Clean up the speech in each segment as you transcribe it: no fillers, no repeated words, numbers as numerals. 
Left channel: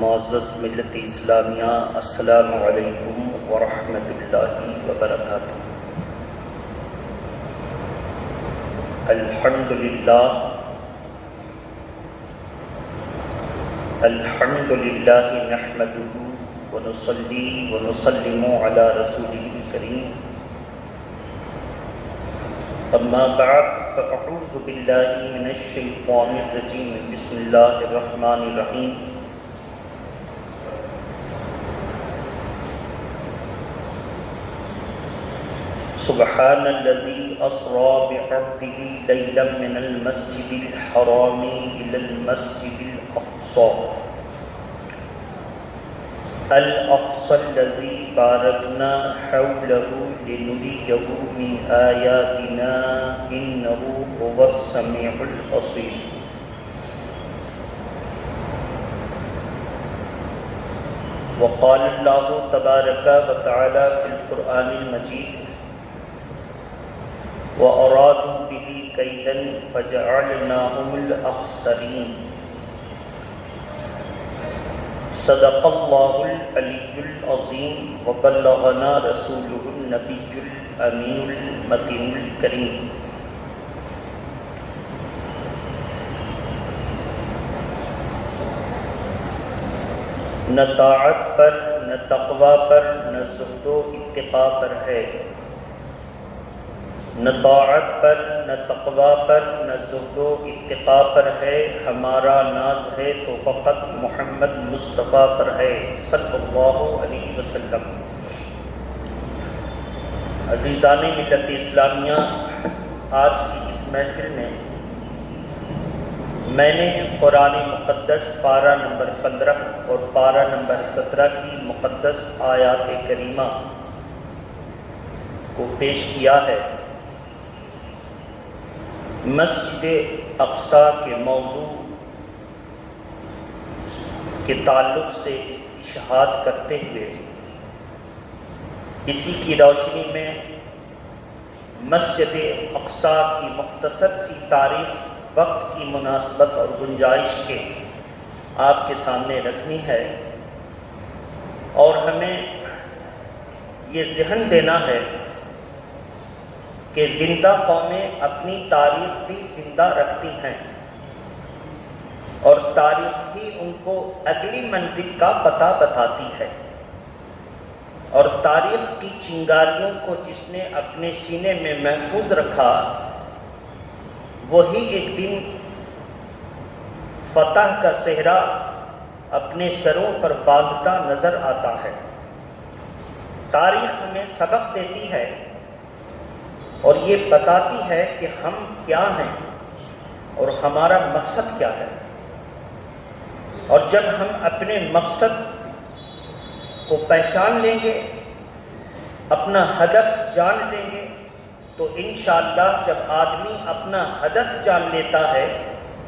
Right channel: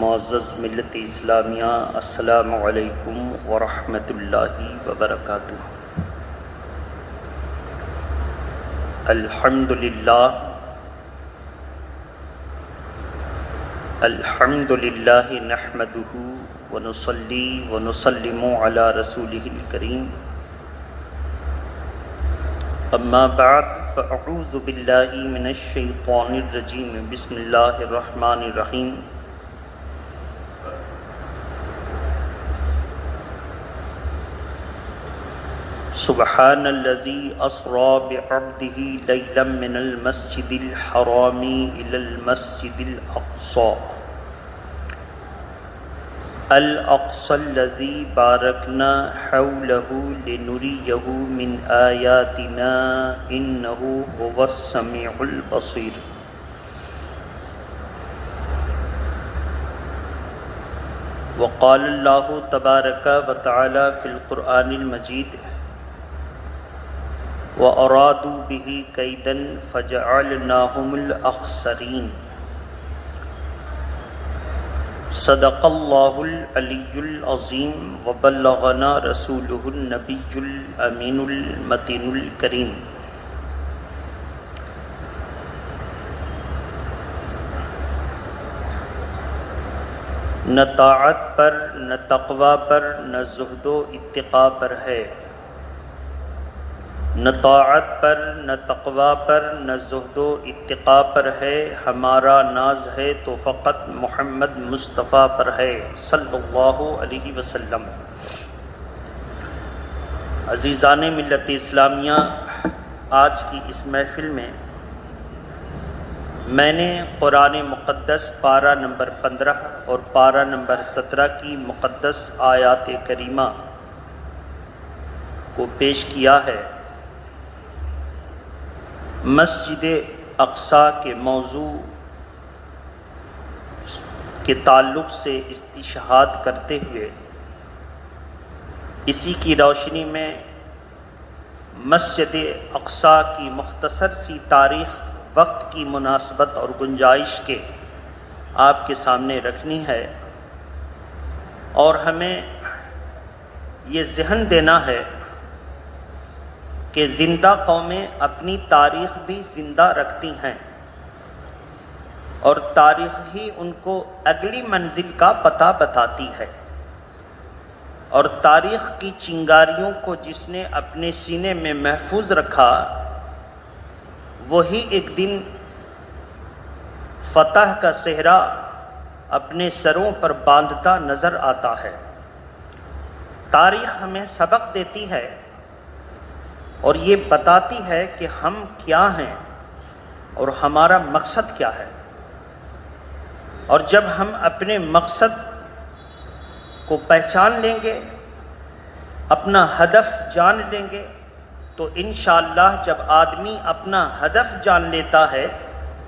معزز ملت اسلامیہ، السلام علیکم ورحمۃ اللہ وبرکاتہ۔ الحمدللہ نحمدہ ونصلی ونسلم علی رسولہ الکریم، اما بعد فاعوذ باللہ من الشیطان الرجیم، بسم اللہ الرحمن الرحیم۔ سبحان الذی اسری بعبدہ لیلا من المسجد الحرام الی المسجد الاقصی الذی بارکنا حولہ لنریہ من آیاتنا انہ هو السمیع البصیر۔ وقال اللہ تبارک وتعالی فی القرآن المجید، وَأَرَادُوا بِهِ كَيْدًا فَجَعَلْنَاهُمُ الْأَخْسَرِينَ۔ صدق اللہ العلی العظیم وبلغنا رسولہ النبی الامین المتین الکریم۔ نہ طاعت پر، نہ تقوی پر، نہ زہد و اتقاء پر ہے، نہ طاعت پر، نہ تقوی پر، نہ زہد و اتقاء پر ہے، ہمارا ناز ہے تو فقط محمد مصطفیٰ پر ہے صلی اللہ علیہ وسلم۔ عزیزان ملت اسلامیہ، آج کی اس محفل میں میں نے قرآن مقدس پارہ نمبر 15 اور پارہ نمبر 17 کی مقدس آیات کریمہ کو پیش کیا ہے۔ مسجد اقصیٰ کے موضوع کے تعلق سے استشہاد کرتے ہوئے اسی کی روشنی میں مسجد اقصیٰ کی مختصر سی تاریخ، وقت کی مناسبت اور گنجائش کے آپ کے سامنے رکھنی ہے، اور ہمیں یہ ذہن دینا ہے کہ زندہ قومیں اپنی تاریخ بھی زندہ رکھتی ہیں، اور تاریخ ہی ان کو اگلی منزل کا پتہ بتاتی ہے، اور تاریخ کی چنگاریوں کو جس نے اپنے سینے میں محفوظ رکھا، وہی ایک دن فتح کا صحرا اپنے سروں پر باندھتا نظر آتا ہے۔ تاریخ ہمیں سبق دیتی ہے اور یہ بتاتی ہے کہ ہم کیا ہیں اور ہمارا مقصد کیا ہے، اور جب ہم اپنے مقصد کو پہچان لیں گے، اپنا ہدف جان لیں گے، تو انشاءاللہ جب آدمی اپنا ہدف جان لیتا ہے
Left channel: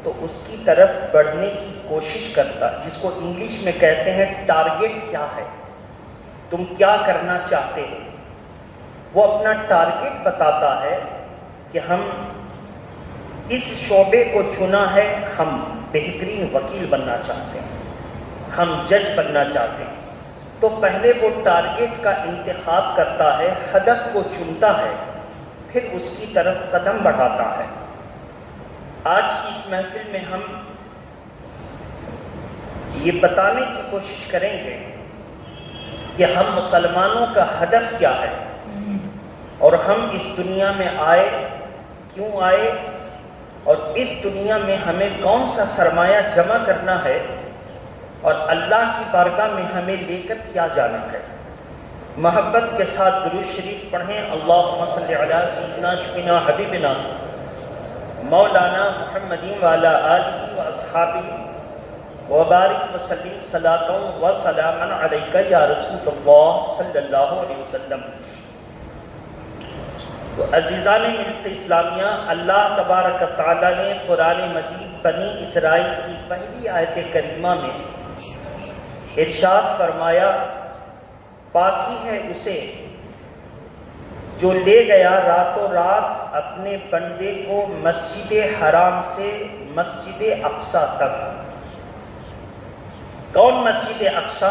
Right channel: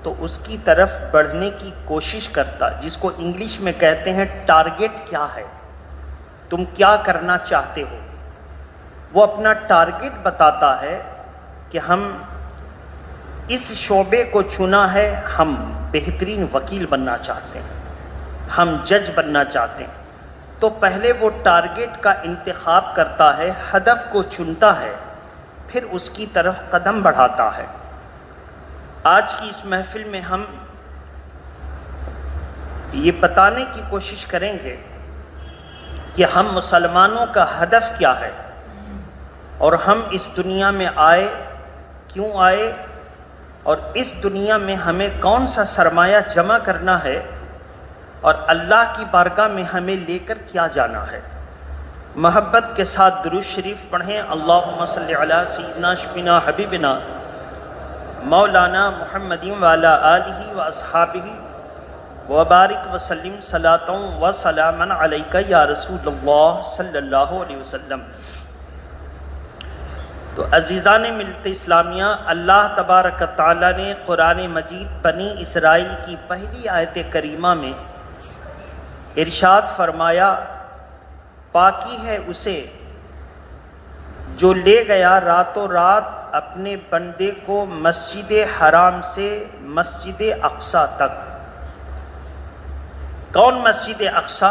تو اس کی طرف بڑھنے کی کوشش کرتا ہے، جس کو انگلش میں کہتے ہیں ٹارگٹ کیا ہے، تم کیا کرنا چاہتے ہو، وہ اپنا ٹارگٹ بتاتا ہے کہ ہم اس شعبے کو چنا ہے، ہم بہترین وکیل بننا چاہتے ہیں، ہم جج بننا چاہتے ہیں، تو پہلے وہ ٹارگٹ کا انتخاب کرتا ہے، ہدف کو چنتا ہے، پھر اس کی طرف قدم بڑھاتا ہے۔ آج کی اس محفل میں ہم یہ بتانے کی کوشش کریں گے کہ ہم مسلمانوں کا ہدف کیا ہے، اور ہم اس دنیا میں آئے کیوں آئے، اور اس دنیا میں ہمیں کون سا سرمایہ جمع کرنا ہے، اور اللہ کی بارگاہ میں ہمیں لے کر کیا جانا ہے۔ محبت کے ساتھ درود شریف پڑھیں۔ اللہم صلی علی سیدنا شفینا حبیبنا مولانا محمد وعلی آلہ واصحابہ وبارک وسلم صلاۃ و سلاما علیک یا رسول اللہ صلی اللہ علیہ وسلم۔ تو عزیزان ملت اسلامیہ، اللہ تبارک تعالیٰ نے قرآن مجید بنی اسرائیل کی پہلی آیت کریمہ میں ارشاد فرمایا، پاکی ہے اسے جو لے گیا راتوں رات اپنے بندے کو مسجد حرام سے مسجد اقصیٰ تک۔ کون مسجد اقصی؟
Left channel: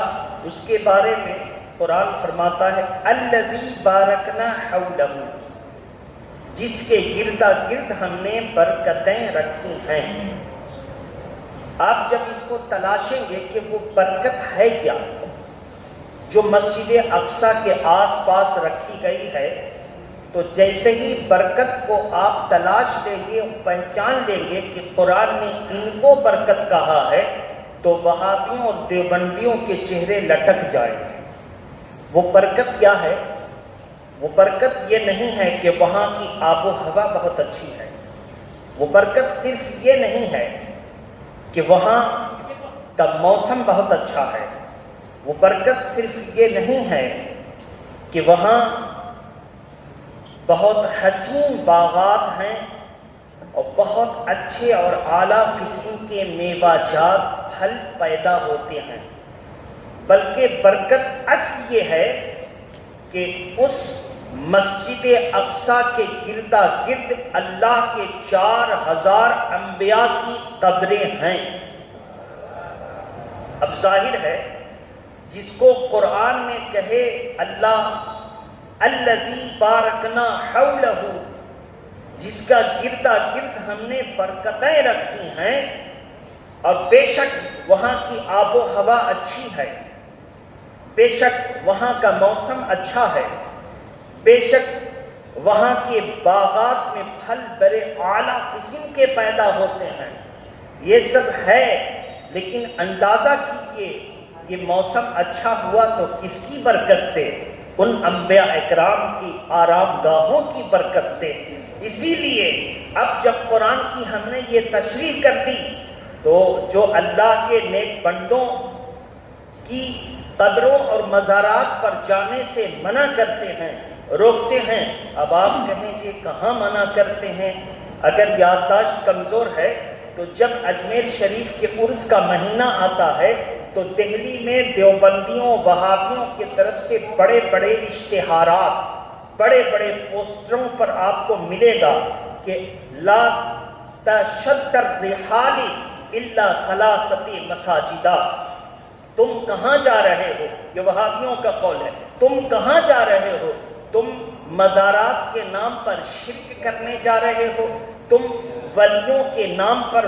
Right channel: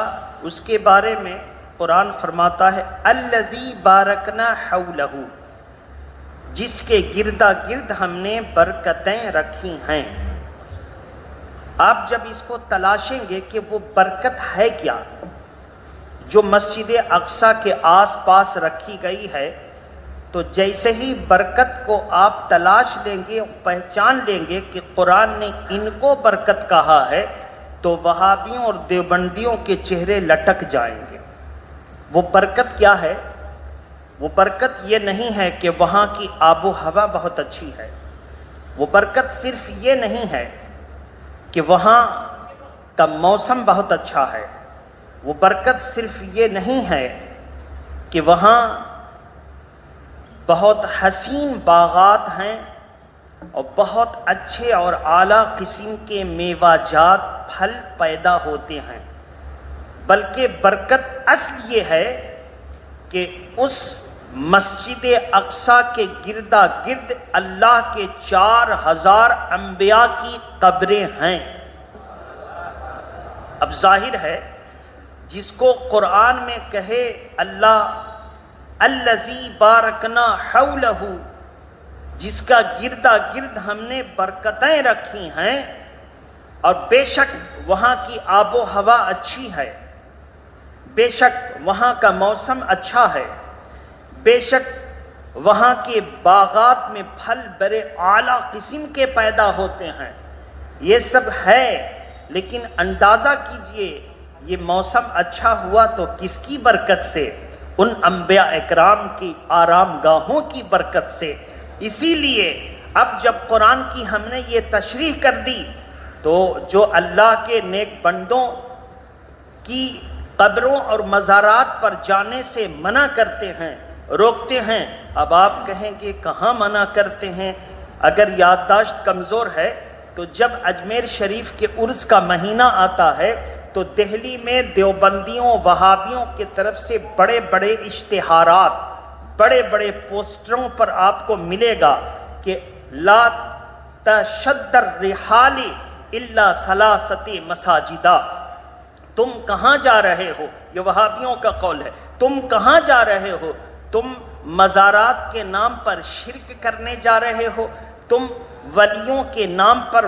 اس کے بارے میں قرآن فرماتا ہے الذی بارکنا حولہ، جس کے گردا گرد ہم نے برکتیں رکھی ہیں۔ آپ جب اس کو تلاشیں گے کہ وہ برکت ہے کیا جو مسجد اقصی کے آس پاس رکھی گئی ہے، تو جیسے ہی برکت کو آپ تلاش لیں گے، پہچان لیں گے کہ قرآن نے ان کو برکت کہا ہے، تو وہابیوں اور دیوبندیوں کے چہرے لٹک جائیں گے۔ وہ برکت کیا ہے؟ وہ برکت یہ نہیں ہے کہ وہاں کی آب و ہوا بہت اچھی ہے، وہ برکت صرف یہ نہیں ہے کہ وہاں کا موسم بہت اچھا ہے، وہ برکت صرف یہ نہیں ہے کہ وہاں بہت حسین باغات ہیں اور بہت اچھے اور اعلیٰ قسم کے میوہ جات پھل پیدا ہوتے ہیں، بلکہ برکت اصل یہ ہے کہ اس مسجد اقصی کے گردا گرد اللہ کے 4000 انبیاء کی قبریں ہیں۔ اب ظاہر ہے جس کو قرآن میں کہے اللہ الذی بارکنا حولہ، جس کا گردا گرد ہم نے برکتیں رکھی ہیں، اور بے شک وہاں کی آب و ہوا اچھی ہے، بے شک وہاں کا موسم اچھا ہے، بے شک وہاں کے باغات میں پھل بڑے اعلیٰ قسم کے پیدا ہوتے ہیں، یہ سب ہے، لیکن اندازہ کیجئے یہ موسم اچھا ہوا تو کس کی برکت سے؟ ان انبیاء اکرام کی آرام گاہوں کی برکت سے۔ اسی لیے اب جب قرآن کی ہم نے یہ تشریح کر دی تو جو اللہ کے نیک بندوں کی قبروں اور مزارات پر جانے سے منع کرتے ہیں، روکتے ہیں، اب آپ کہیں گے کہاں منع کرتے ہیں؟ اگر یادداشت کمزور ہے تو جب اجمیر شریف کے عرس کا مہینہ آتا ہے تو دہلی میں دیوبندیوں وہابیوں کی طرف سے بڑے بڑے اشتہارات، بڑے بڑے پوسٹروں پر آپ کو ملے گا کہ لا تشد الرحال الا ثلاثۃ مساجدہ، تم کہاں جا رہے ہو؟ یہ وہابیوں کا قول ہے، تم کہاں جا رہے ہو؟ تم مزارات کے نام پر شرک کرنے جا رہے ہو، تم ولیوں کے نام پر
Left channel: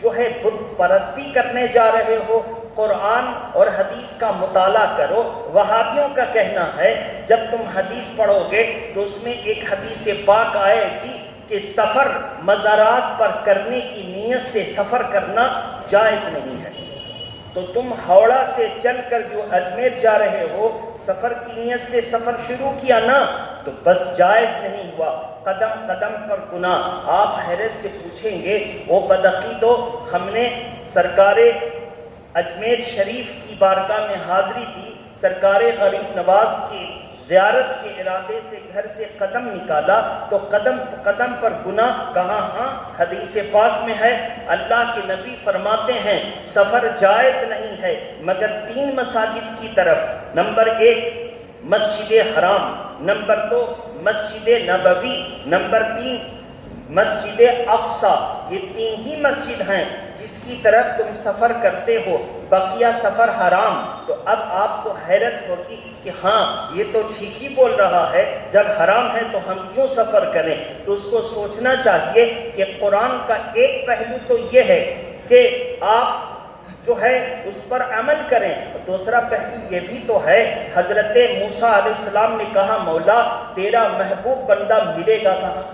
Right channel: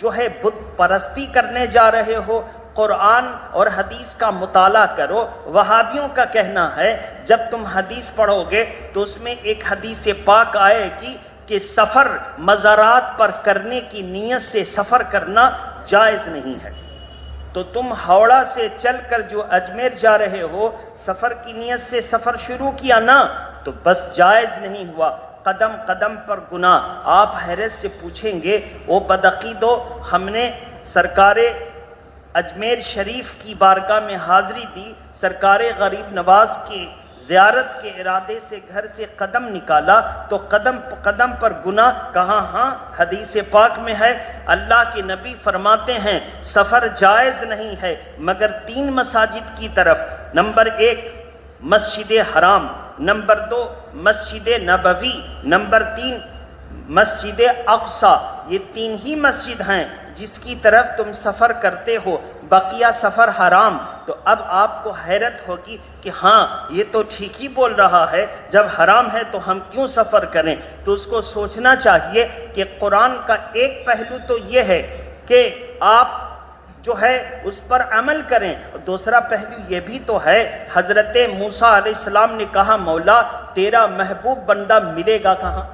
جو ہے بت پرستی کرنے جا رہے ہو، قرآن اور حدیث کا مطالعہ کرو۔ وہابیوں کا کہنا ہے جب تم حدیث پڑھو گے تو اس میں ایک حدیث پاک آئے گی کہ سفر مزارات پر کرنے کی نیت سے سفر کرنا جائز نہیں ہے، تو تم ہاوڑہ سے چل کر جو اجمیر جا رہے ہو سفر کی نیت سے سفر شروع کیا نا، تو بس جائز نہیں ہوا، قدم قدم پر گناہ۔ آپ حیرت سے پوچھیں گے او بدعقیدو، ہم نے سرکار اجمیر شریف کی بارگاہ میں حاضری دی، سرکار غریب نواز کی زیارت کے ارادے سے گھر سے قدم نکالا تو قدم قدم پر گناہ کہاں؟ ہاں حدیث پاک میں ہے، اللہ کے نبی فرماتے ہیں سفر جائز نہیں ہے مگر 3 مساجد کی طرف، نمبر 1 مسجد حرام، نمبر 2 مسجد نبوی، نمبر 3 مسجد اقصی۔ یہ 3 ہی مسجد ہیں جس کی طرف تم سفر کرتے ہو، بقیہ سفر حرام۔ تو اب آپ کو حیرت ہوگی کہ ہاں یہ تو ٹھیک ہی بول رہا ہے، جب حرام ہے تو ہم کیوں سفر کریں؟ تو اس کو سوچنا چاہیے کہ قرآن کا ایک پہلو تو یہ ہے کہ آپ جو ہے اس پر عمل کریں، اور دوسرا پہلو یہ بھی تو ہے، حضرت موسیٰ علیہ السلام نے کہا مولا تیرا محبوب بندہ ملے گا کہاں؟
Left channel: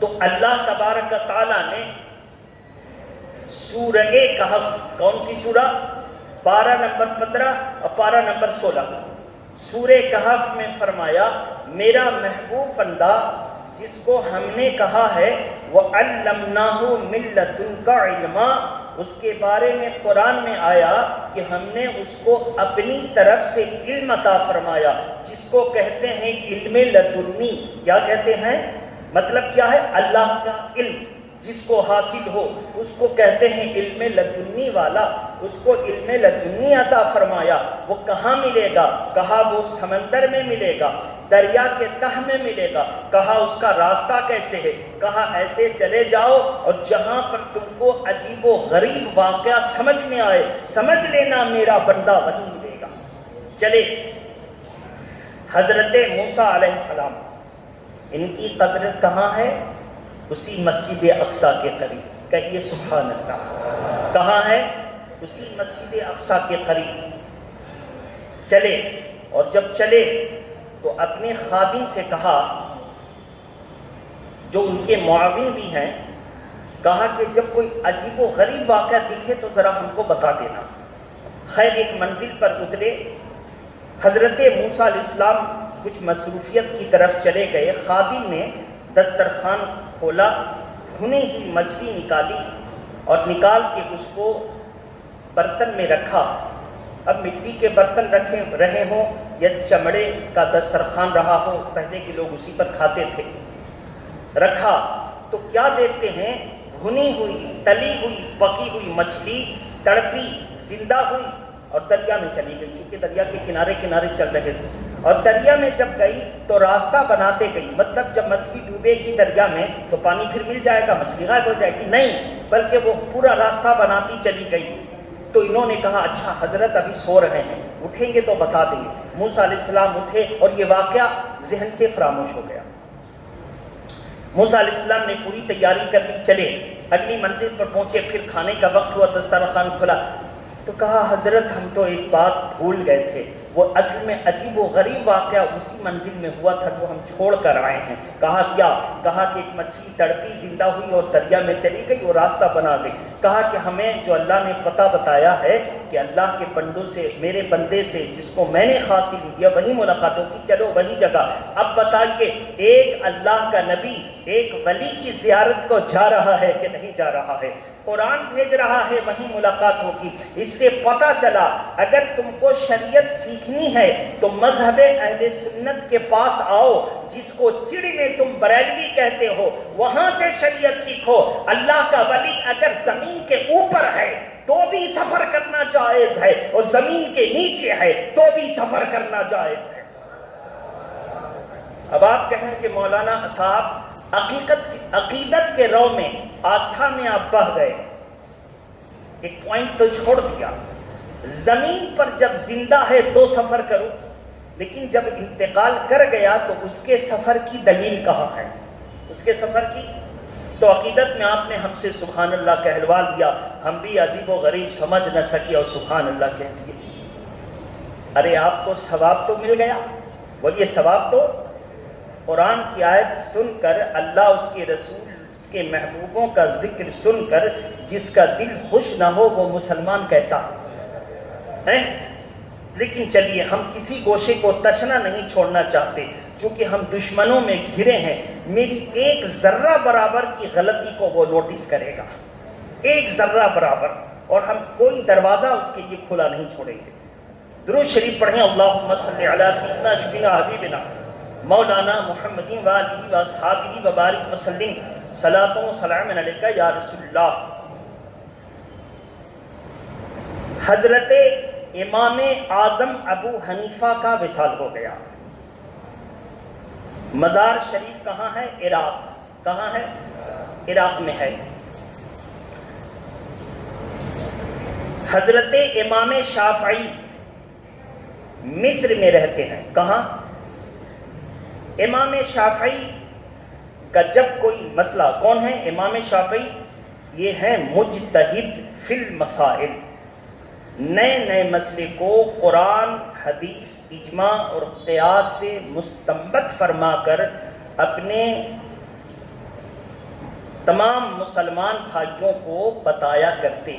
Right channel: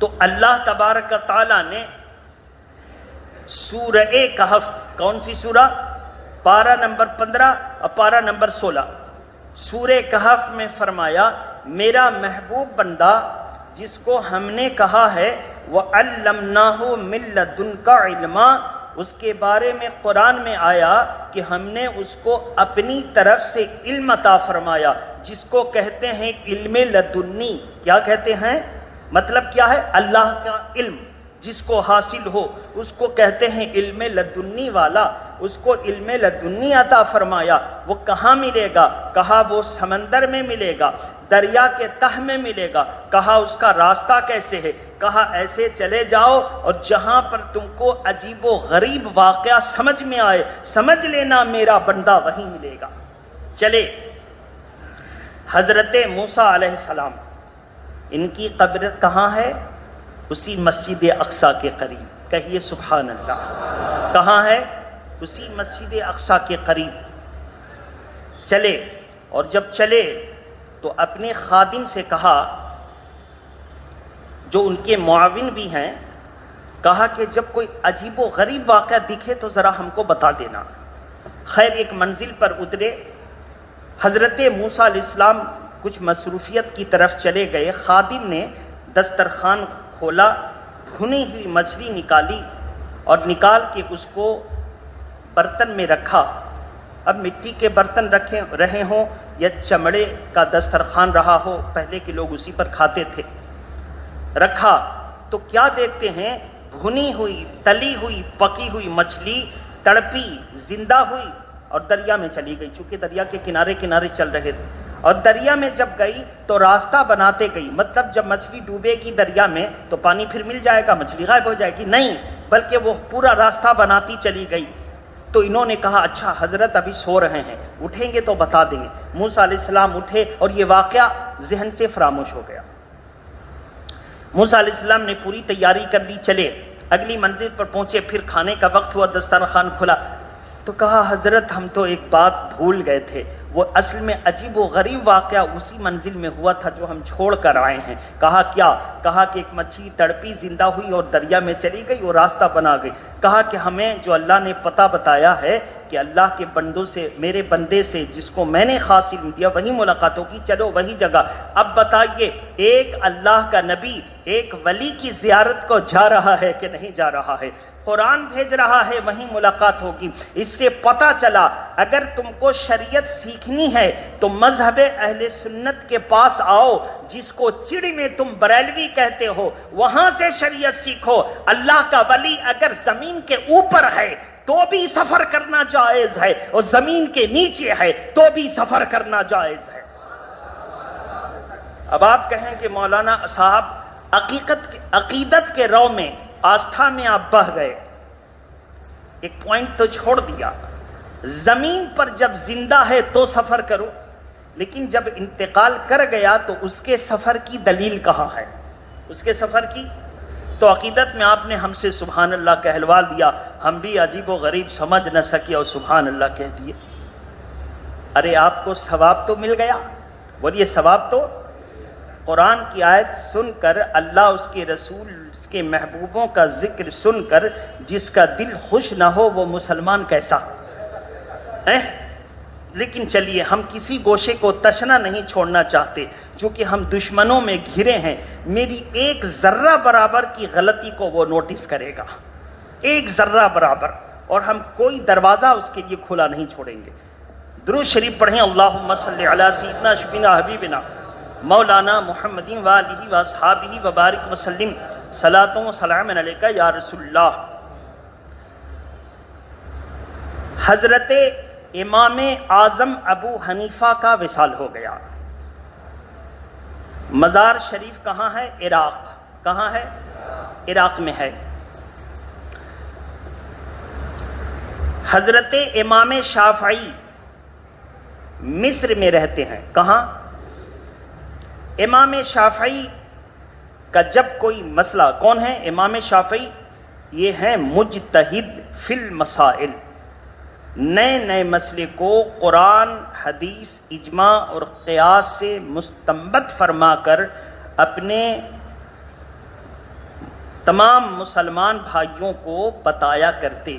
تو اللہ تبارک و تعالیٰ نے سورہ کہف، کون سی سورہ؟ پارہ نمبر 15 اور پارہ نمبر 16، سورہ کہف میں فرمایا میرا محبوب بندہ جس کو ہم نے کہا ہے وَعَلَّمْنَاهُ مِن لَّدُنْكَ عِلْمًا، اس کے بارے میں قرآن میں آیا کہ ہم نے اس کو اپنی طرف سے علم عطا فرمایا، جس کو کہتے ہیں علم لدنی۔ کیا کہتے ہیں؟ مطلب کیا ہے؟ اللہ کا علم جس کو حاصل ہو اس کو کہتے ہیں علم لدنی والا، اس کو علم لدنی عطا فرمایا۔ وہ کہاں ملے گا؟ کہا وہ سمندر میں ملے گا۔ دریا کے تہ میں ملے گا۔ کہا اس کا راستہ کیسے ہے؟ کہا ایسے چلے جاؤ اور جہاں پر تم کو عجیب و غریب واقعہ سمجھ میں آئے سمجھ لینا میرا بندہ وہیں ملے گا۔ چلے، حضرت موسیٰ علیہ السلام، ان کی قبر کہاں ہے؟ اسی مسجد اقصیٰ کے قریب۔ کہیے سبحان اللہ۔ کہاں ہے؟ اسی مسجد اقصیٰ کے قریب چلے، اور جب چلے تو اپنے خادم سے کہا، جو ان کے معاون بھی ہیں، کہا کہ جب کوئی عجیب و غریب واقعہ دکھے تو ذرا ہم کو بتا دینا۔ خیر، ایک منزل پر اترے، حضرت موسیٰ علیہ السلام کچھ مصروفیت کی طرف چلے گئے۔ خادم نے دسترخوان کھولا، بھنی ہوئی مچھلی نکالی اور نکال کے اس کو برتن میں رکھا۔ اب مٹی کے برتن رہے ہوں یا چمڑے کا دسترخوان رہا ہو، پہلے کے لوگ اسی پر کھاتے تھے، رکھا تو کیا دیکھتے ہیں؟ بھنی ہوئی، تلی ہوئی، پکی ہوئی مچھلی تڑپی، زندہ ہوئی اور دریا میں چلی گئی، چونکہ دریا کے کنارے کنارے چل رہے تھے۔ اور دریا میں جب گئی تو راستہ بناتے گئی، مطلب جب مچھلی ڈوبے گی دریا میں تو پانی پھر مل جائے گا، مچھلی غائب ہو جائے گی، نہیں، بلکہ وہ پورا راستہ بناتی چلی گئی۔ تو انہوں نے کہا اچھا حضرت ابھی سو رہے ہیں، اٹھیں گے تو بتا دیں گے۔ موسیٰ علیہ السلام اٹھے اور یہ واقعہ ذہن سے فراموش ہو گیا۔ موسیٰ علیہ السلام نے پوری تیاری کر لی، چلے اگلی منزل پر پہنچے، پھر کھانے کا وقت ہوا، دسترخوان کھلا تو کہا حضرت ہم تو ایک بات بھول گئے تھے، وہ اصل میں عجیب و غریب واقعہ اسی منزل میں ہوا تھا جو ہم چھوڑ کر آئے ہیں۔ کہا کیا؟ کہا کہ ایک مچھلی تڑپی، زندہ ہوئی اور دریا میں چلی گئی، وہ راستہ بنا گئی۔ کہا کہ ہمیں جو اللہ نے پتہ بتایا ہے کہ اللہ کے بندوں سے، میرے بندے سے جس کو میں نے خاص علم دیا وہی ملاقات ہوگی، چلو وہی جگہ۔ اب بتائیے، ایک اللہ کا نبی ایک ولی کی زیارت کو جا رہا ہے کہ نہیں جا رہا ہے؟ قرآن بھیج رہا ہے، وہیں ملاقات ہوگی۔ اس سے پتہ چلا اگر تم کو شریعت سیکھنی ہے تو مذہب اہل سنت کے پاس آؤ، جس کو چڑ میں تم بریلوی کہتے ہو، وہاں سے شریعت سیکھو۔ اللہ کا ولی اگر زمین کے اوپر ہے تو بھی سفر کرنا جائز ہے، اور زمین کے نیچے ہے تو بھی سفر کرنا جائز ہے۔ اب آپ کہیں کہ مولانا صاحب عقیدت کے رو میں، آستھا میں آپ بہ گئے، ایک پوائنٹ تو چھوڑ دیا، زمین پر جب زندہ ہے تو سفر کرو، لیکن جب انتقال کر گیا تو اس کے سفر کی دلیل کہاں ہے؟ اس کے سفر کی تو عقیدت میں آپ نے ہم سے سبحان اللہ کہلوا دیا، ہم بھی عجیب و غریب سمجھ نہ سکے اور سبحان اللہ کہہ دیے۔ ارے آپ کو ثواب تو مل گیا، بولیے ثواب تو۔ قرآن کی آیت سن کر، اللہ اس کے رسول اس کے محبوبوں کا ذکر سن کر جس کا دل خوش نہ ہو وہ مسلمان کیسا ہے؟ لیکن چلیے، ہم کسی گوشے کو تشنا نہیں چھوڑنا چاہتے، چونکہ ہم دشمنوں میں گھرے ہیں۔ میری ایک ذرہ برابر کی غلطی کو وہ نوٹس کرے گا، ایک ذرہ برابر، اور ہم کوئی دروازہ اس کے لیے کھلا نہیں چھوڑیں گے۔ درود شریف پڑھیں، اللہم صلی علی سیدنا شفینا حبیبنا مولانا محمد وآلہ واصحابہ وبارک وسلم، صلاۃ و سلام علیکہ یا رسول اللہ۔ حضرت امام اعظم ابو حنیفہ کا وصال ہو گیا۔ مزار شریف کہاں ہے؟ عراق۔ کہاں ہے؟ عراق میں ہے۔ حضرت امام شافعی مصر میں رہتے ہیں۔ کہاں؟ امام شافعی کا جب کوئی مسئلہ، کون ہے امام شافعی؟ یہ ہیں مجتہد فی المسائل، نئے نئے مسئلے کو قرآن، حدیث، اجماع اور قیاس سے مستنبط فرما کر اپنے تمام مسلمان بھائیوں کو بتایا کرتے،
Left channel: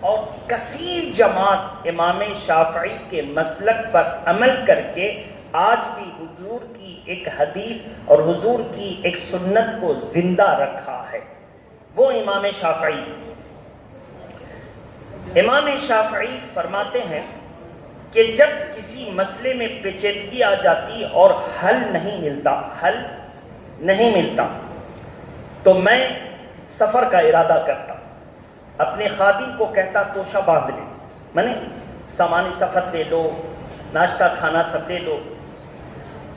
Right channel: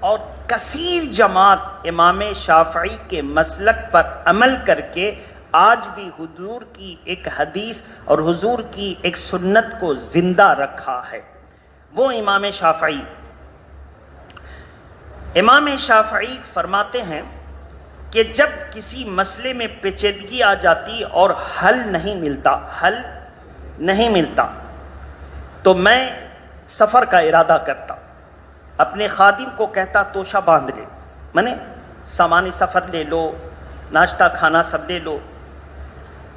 اور کثیر جماعت امام شافعی کے مسلک پر عمل کر کے آج بھی حضور کی ایک حدیث اور حضور کی ایک سنت کو زندہ رکھا ہے، وہ امام شافعی۔ امام شافعی فرماتے ہیں کہ جب کسی مسئلے میں پیچیدگی آ جاتی اور حل نہیں ملتا تو میں سفر کا ارادہ کرتا، اپنے خادم کو کہتا توشہ باندھ لے، منے سامان سفر لے لو، ناشتہ کھانا سب لے لو،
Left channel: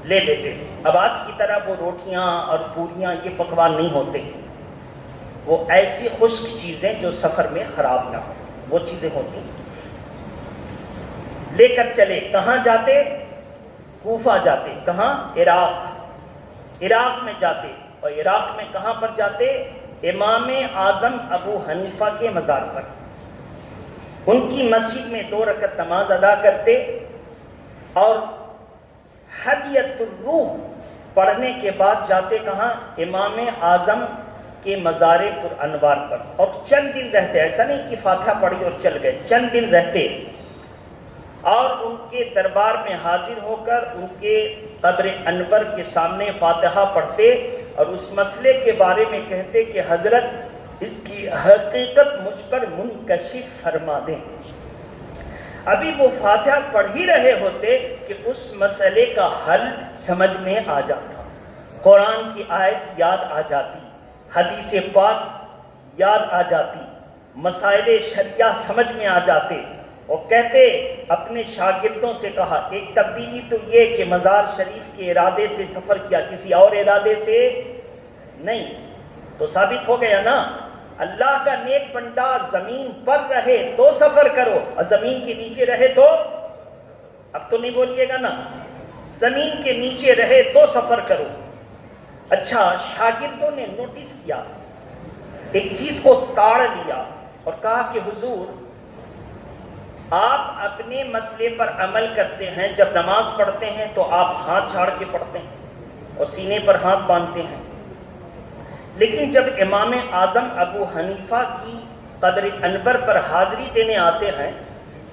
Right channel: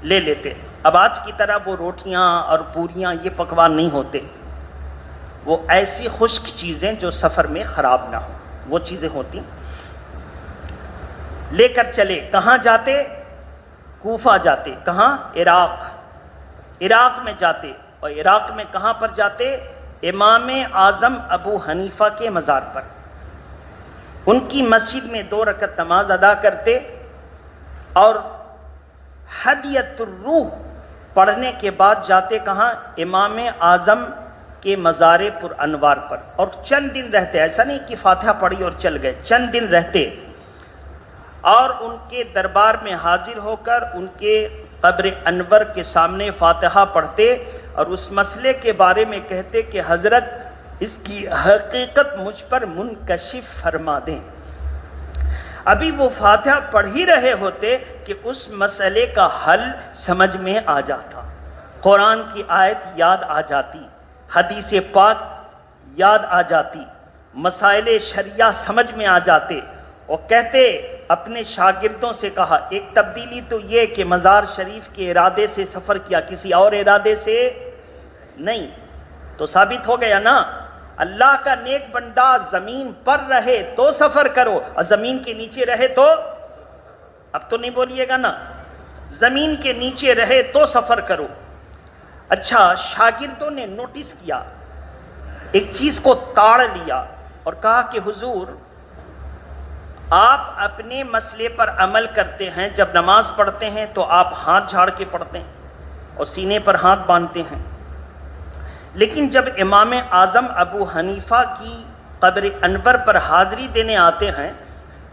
لے لیتے. اب آج کی طرح وہ روٹیاں اور پوریاں یہ پکوان نہیں ہوتے، وہ ایسی خشک چیزیں جو سفر میں خراب نہ ہو، وہ چیزیں ہوتی. لے کر چلے. کہاں جاتے؟ کوفہ جاتے. کہاں؟ عراق میں جاتے. اور عراق میں کہاں پر جاتے؟ امام اعظم ابو حنیفہ کے مزار پر. ان کی مسجد میں 2 رکعت نماز ادا کرتے اور ہدیۃ الروح پڑھنے کے بعد جاتے. کہاں؟ امام اعظم کے مزار پر انوار پر. اور چند دن رہتے. ایسا نہیں کہ فاتحہ پڑھی اور چل گئے، چند دن رہتے اور ان کے دربار میں حاضر ہو کر ان کے قبر انور کے سامنے فاتحہ پڑھتے اور اس مسئلے کے بارے میں کہتے کہ حضرت اس کی حقیقت مجھ پر منکشف فرما دیں. ابھی وہ فاتحہ پڑھ ہی رہے ہوتے کہ اس مسئلے کا حل سمجھ میں آ جاتا، قرآن کی آیت یاد آ جاتی، حدیث پاک یاد آ جاتی، مسائل شریعہ سمجھ میں آ جاتے. وہ کہتے اپنے شاگردوں سے کہا ایک تبدیلی تو یہ کہ مزار شریف کے ارادے سے سفر کیا، کسی اور ارادے سے نہیں. تو ثابت ہو گیا نا، اللہ کا نیک بندہ زمین پر رہے تو سفر کرو اور زمین کے نیچے رہے تو، اب تو نہیں بولیے گا نا، زمین کے نیچے رہے تو سفر کرو. اچھا، شاگردوں نے نوٹس کیا، ایک چیز کو تاڑ لیا اور کہا کہ حضور آپ اپنے مسئلے پر عمل کرتے ہیں، جب نماز پڑھتے ہیں تو آپ ہاتھ جھاڑ کے پڑھتے ہیں اور سینے پر ہاتھ باندھتے ہیں، لیکن جب امام اعظم ابو حنیفہ کی قبر انور پر حاضری دینے آتے ہیں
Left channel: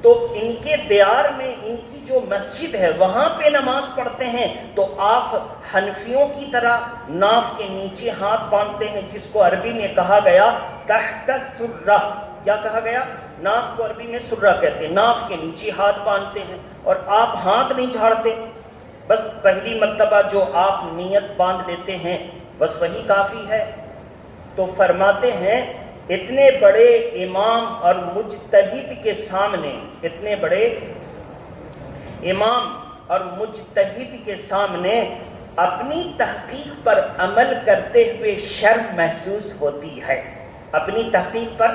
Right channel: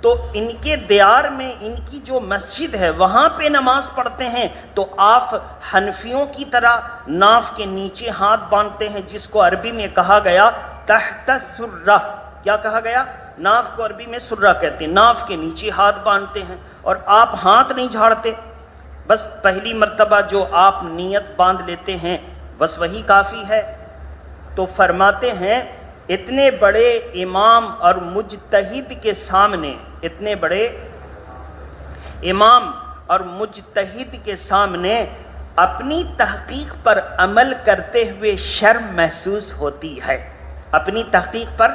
تو ان کے دیار میں ان کی جو مسجد ہے وہاں پہ نماز پڑھتے ہیں تو آپ حنفیوں کی طرح ناف کے نیچے ہاتھ باندھتے ہیں، جس کو عربی میں کہا گیا تحت السرہ. کیا کہا گیا؟ ناف کو عربی میں سرہ کہتے ہیں. ناف کے نیچے ہاتھ باندھتے ہیں اور آپ ہاتھ نہیں جھاڑتے. بس پہلی مرتبہ جو آپ نیت باندھ لیتے ہیں بس وہی کافی ہے. تو فرماتے ہیں اتنے بڑے امام اور مجتہد کے سامنے، اتنے بڑے امام اور مجتہد کے سامنے اپنی تحقیق پر عمل کرتے ہوئے شرم محسوس ہوتی ہے. اپنی تحقیق پر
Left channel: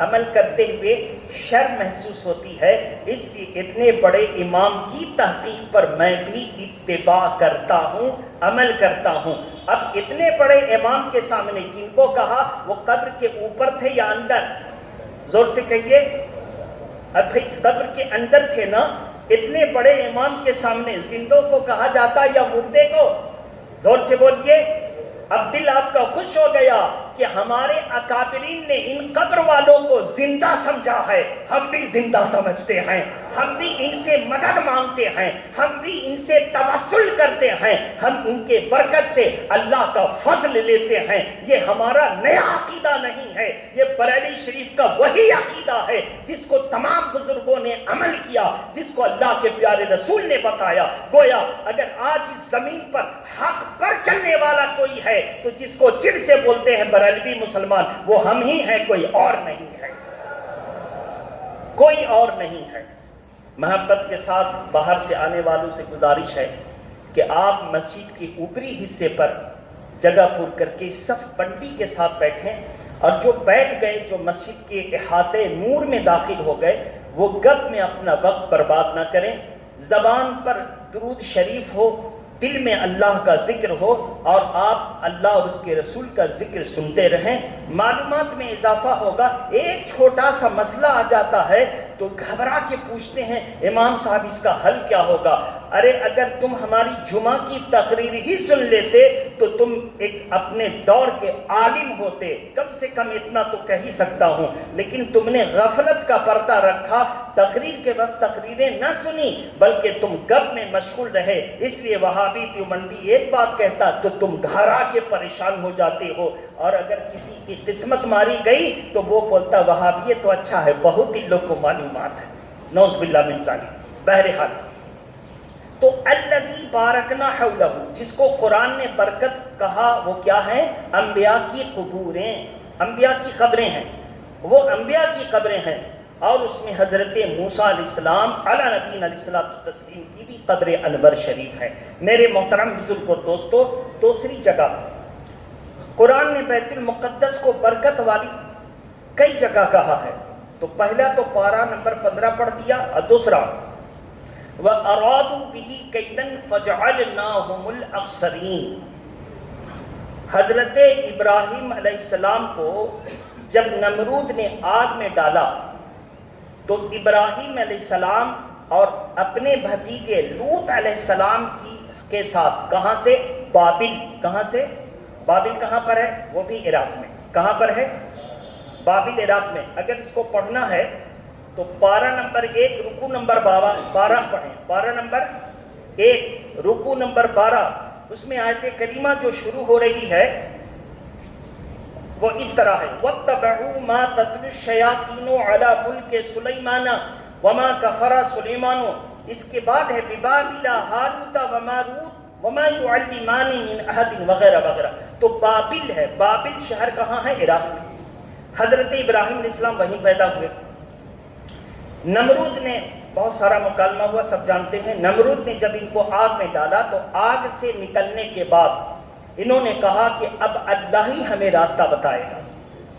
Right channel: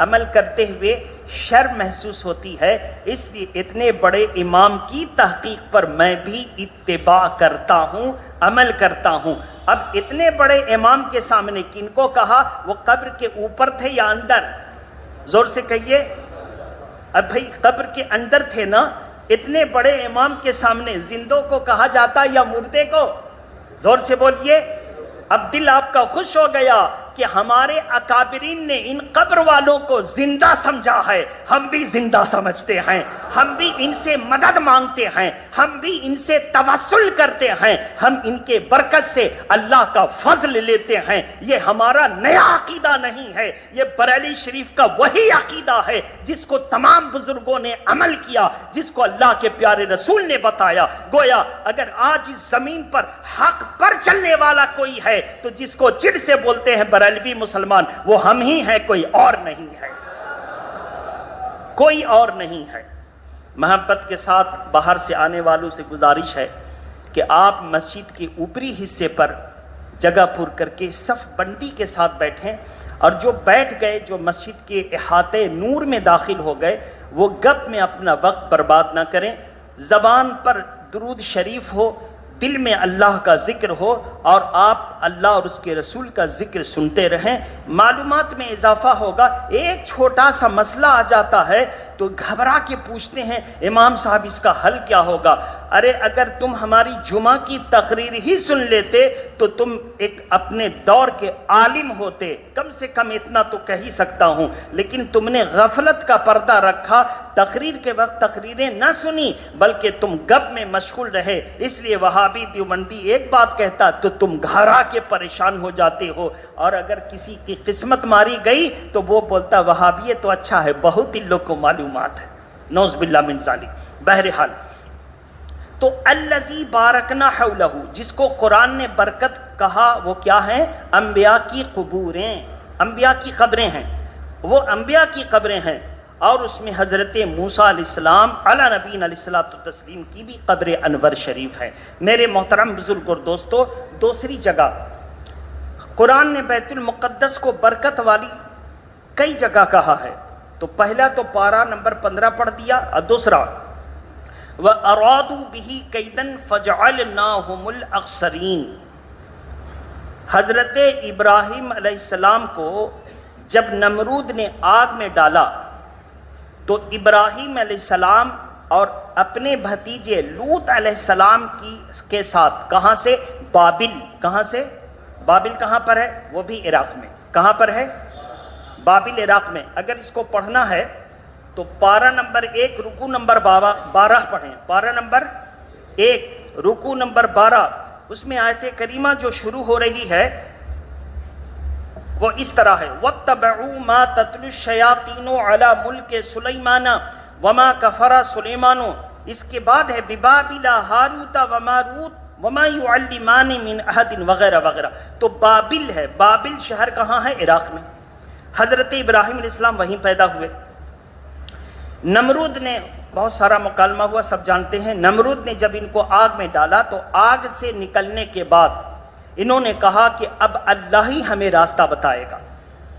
عمل کرتے ہوئے شرم محسوس ہوتی ہے. اس لیے اتنے بڑے امام کی تحقیق پر میں بھی اتباع کرتا ہوں، عمل کرتا ہوں. اب اتنے بڑے امام کے سامنے کن کو کہا؟ وہ قبر کے اوپر تھے یا اندر؟ زور سے کہیے. اب بھائی قبر کے اندر تھے نا. اتنے بڑے امام کے سامنے زندوں کو کہا جاتا یا مردے کو؟ زور سے بولیے. اب دل آپ کا خوش ہو گیا کہ ہمارے اکابرین نے ان قبر والوں کو زندہ سمجھا ہے. ہم بھی زندہ سمجھتے ہیں، ہم بھی ان سے مدد مانگتے ہیں، ہم بھی ان سے توسل کرتے ہیں، ہم ان کے برکت سے اللہ کا فضل لیتے ہیں. یہ ہمارا نیا عقیدہ نہیں ہے، یہ بریلی شریف کا وہی عقیدہ ہے جس کو تمام بزرگوں نے عمل کیا، جس کو اللہ کے پیارے رسول نے بتایا. گویا اگر آج اس زمین پر حق پر چلنے والا کوئی ہے تو جس کو جڑ سے بولتے ہیں بریلوی مسلمان، وہ ہم ہی ہیں، کوئی اور نہیں ہے، کوئی اور نہیں ہے. محبت کے ساتھ باہر سے آنے والوں سے گزارش ہے کہ آپ مسجد کے اوپری حصے پر جگہ پر کر کے صف بندی کے ساتھ بیٹھیں، اور جو بیٹھ گئے، جو مسجد کے احاطے نور میں داخل ہو گئے، وہ گپ میں اپنا وقت برباد نہ کریں. زبان پر درود شریف ہو، دل میں اللہ کا ذکر ہو اور آپ اللہ اور اس کے رسول کا ذکر سنتے رہیں. معلومات میں اضافہ ہوگا. ایک چھوٹا سا مسئلہ آ جاتا ہے تو گھبرا کے پوچھتے ہیں امام صاحب اس کا حل کیا ہوگا. ارے اگر تم ہماری جمعہ کی تقریر ہی سن لیتے تو تم ایک اپنے دور کے عالم ہوتے، کم سے کم اتنا تو کہہ ہی سکتا ہوں. لیکن تم نے غفلت کا پردہ رکھا، تقریر کے وقت تقریریں نہ سنی بلکہ تم گپ میں مشغول رہے. اس لیے وہابی دیوبندی ایک بات کہتا تو تم گھبرا کے پریشان ہو جاتے ہو، اور اگر کسی کی قسمت ماری گئی تو وہ بولتا وہابیت تو اچھا ہے، بہت ہی لوگ کو معلومات ہے. نعوذ باللہ من ذالک. بہرحال تو الذی بارکنا حولہ، جس کو قرآن نے برکت کہا، وہ کیا ہے؟ انبیاء کی قبوریں، انبیاء کی قبریں ہیں. وہ انبیاء کی قبریں ہیں اور اس میں حضرت موسیٰ علیہ السلام علی نبینا علیہ الصلوۃ والتسلیم کی بھی قبر انور شریف ہے۔ میرے محترم بزرگ اور دوستو، دوسری جگہ قرآن نے بیت المقدس کو برکت والی کئی جگہ کہا ہے، تو پہلا تو پارہ نمبر 15 پڑھ دیا، اور دوسرا وَأَرَادُوا بِهِ كَيْدًا فَجَعَلْنَاهُمُ الْأَخْسَرِينَ۔ حضرت ابراہیم علیہ السلام کو جب نمرود نے آگ میں ڈالا تو ابراہیم علیہ السلام اور اپنے بھتیجے لوط علیہ السلام کے ساتھ کہاں سے؟ بابل۔ کہاں سے؟ بابل کہاں پر ہے؟ وہ بھی عراق میں۔ کہاں پر ہے؟ بابل عراق میں۔ اگر اس کو پڑھنا ہے تو پارہ نمبر 1 رکوع نمبر 12 پڑھیں۔ پارہ نمبر 1 رکوع نمبر 12، اس میں آیت کریمہ جو شروع ہو رہی ہے وہ اس طرح ہے وَاتَّبَعُوا مَا تَتْلُو الشَّيَاطِينُ عَلَى مُلْكِ سُلَيْمَانَ وَمَا كَفَرَ سُلَيْمَانُ، اس کے بعد ہے بِبَابِلَ هَارُوتَ وَمَارُوتَ وَمَا يُعَلِّمَانِ مِنْ أَحَدٍ وغیرہ وغیرہ۔ تو بابل ہے۔ بابل شہر کہاں ہے؟ عراق میں۔ حضرت ابراہیم علیہ السلام وہیں پیدا ہوئے۔ نمرود نے بہت سارا مکالمہ ہوا، سب جانتے ہیں۔ نمرود نے جب ان کو آگ میں ڈالا تو آگ سے نکلنے کے بعد انہوں نے کہا کہ اب اللہ ہی ہمیں راستہ بتائے گا،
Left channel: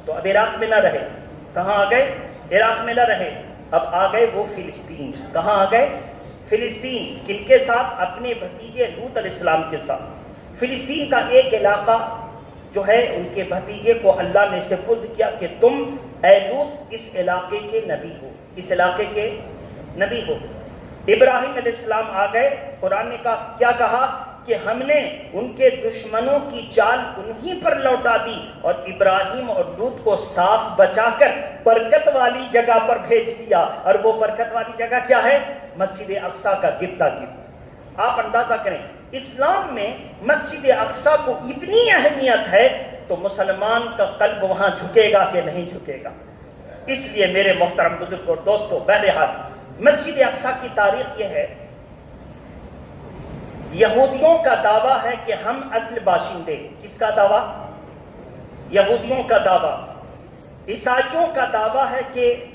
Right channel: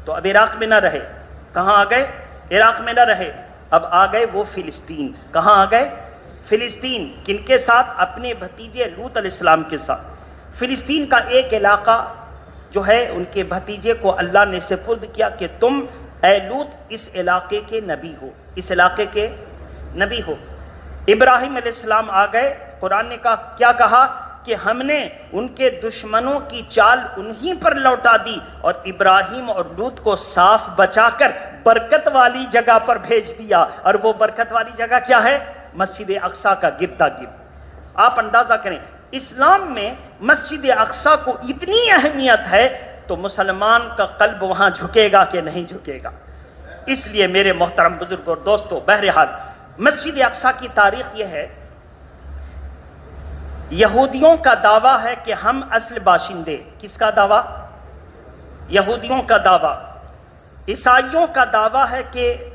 تو اب عراق میں نہ رہے۔ کہاں آ گئے؟ عراق میں نہ رہے، اب آ گئے وہ فلسطین۔ کہاں آ گئے؟ فلسطین۔ کن کے ساتھ؟ اپنے بھتیجے لوط علیہ السلام کے ساتھ۔ فلسطین کا ایک علاقہ جو ہے ان کے بھتیجے کو اللہ نے سپرد کیا کہ تم اے لوط اس علاقے کے نبی ہو، اس علاقے کے نبی ہو۔ ابراہیم علیہ السلام آ گئے، قرآن نے کیا کہا کہ ہم نے ان کے دشمنوں کی چال انہی پر لوٹا دی اور ابراہیم اور لوط کو صاف بچا کر برکت والی جگہ پر بھیج دیا۔ اور وہ برکت والی جگہ کیا ہے؟ مسجد اقصیٰ کا گردا گرد۔ آپ اندازہ کریں اسلام میں مسجد اقصیٰ کو اتنی اہمیت ہے تو مسلمان کا قلب وہاں جھکے گا کہ نہیں جھکے گا؟ اس لیے میرے محترم بزرگ اور دوستو، بہرحال مسجد اقصیٰ کی تاریخ یہ ہے، یہودیوں کا دعویٰ ہے کہ ہم اصل باشندے۔ کس کا دعویٰ؟ یہودیوں کا دعویٰ۔ عیسائیوں کا دعویٰ ہے کہ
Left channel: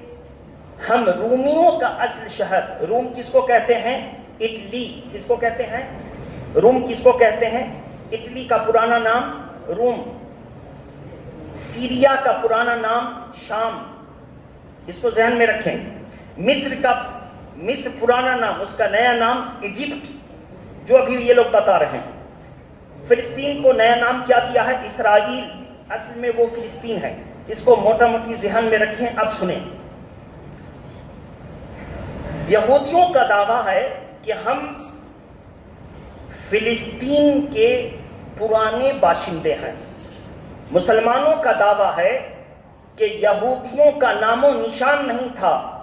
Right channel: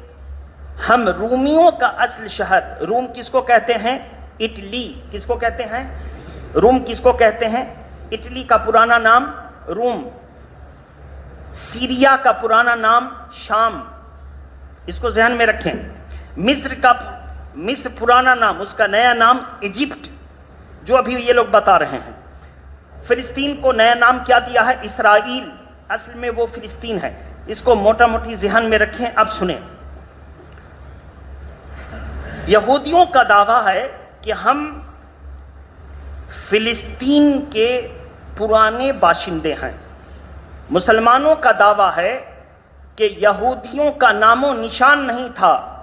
ہم رومیوں کا اصل شہر۔ روم کس کو کہتے ہیں؟ اٹلی۔ کس کو کہتے ہیں؟ روم کس کو کہتے ہیں؟ اٹلی کا پرانا نام روم، سیریا کا پرانا نام شام، اس کو ذہن میں رکھیں۔ مصر پرانا نام، اس کا نیا نام ایجپٹ، جو ابھی یہ لوگ بتا رہے ہیں۔ فلسطین کو نیا نام کیا دیا ہے؟ اسرائیل، اصل میں وہ فلسطین ہے۔ اس کو موٹا موٹی ذہن میں رکھیں۔ اب سنیں، یہودیوں کا دعویٰ ہے کہ ہم فلسطین کے پرانے باشندے ہیں۔ مسلمانوں کا دعویٰ ہے کہ یہودیوں کا نام و نشان نہیں تھا،